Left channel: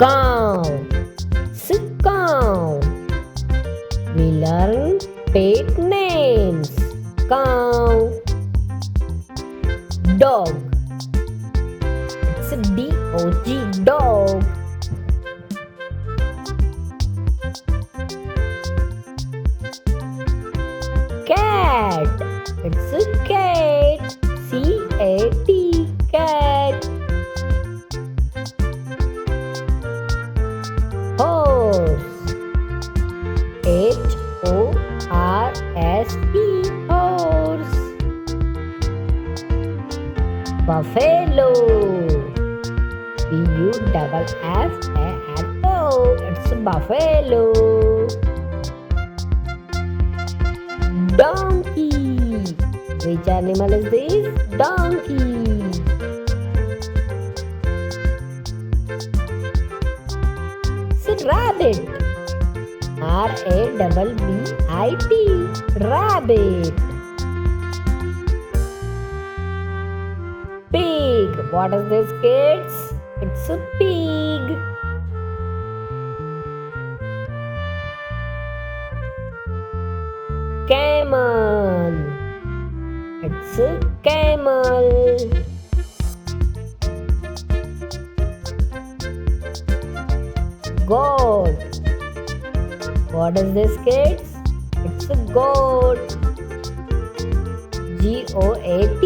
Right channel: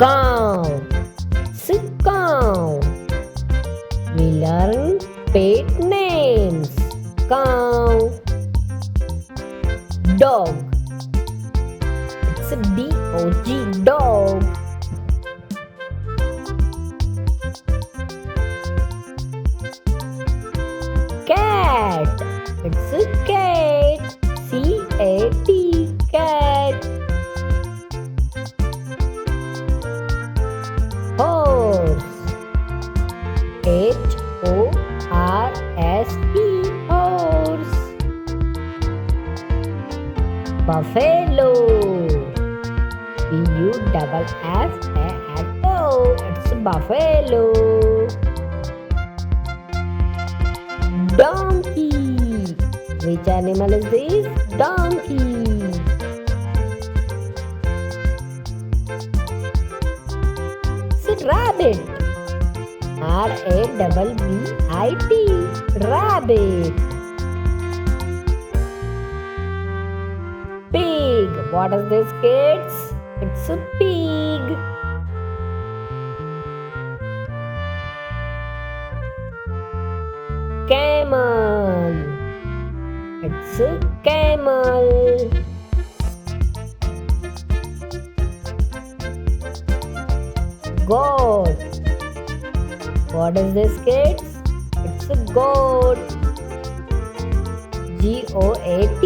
Cow. It's a cow. We learn pet names. Cow. Dog. It's a D-O-G, dog. Cat. It's a cat. C-A-T, cat. Horse. H-O-R-S-E, horse. Buffalo. B-U-double-F-A-L-O. It's a buffalo. Donkey. Which animal is this? Donkey. It's a rabbit. R-A-B-B-I-T. Rabbit. Pig. What is this, kids? It's a pig. Camel. It's a camel. Goat. What is this, kids? It's a goat. G-O-A-T.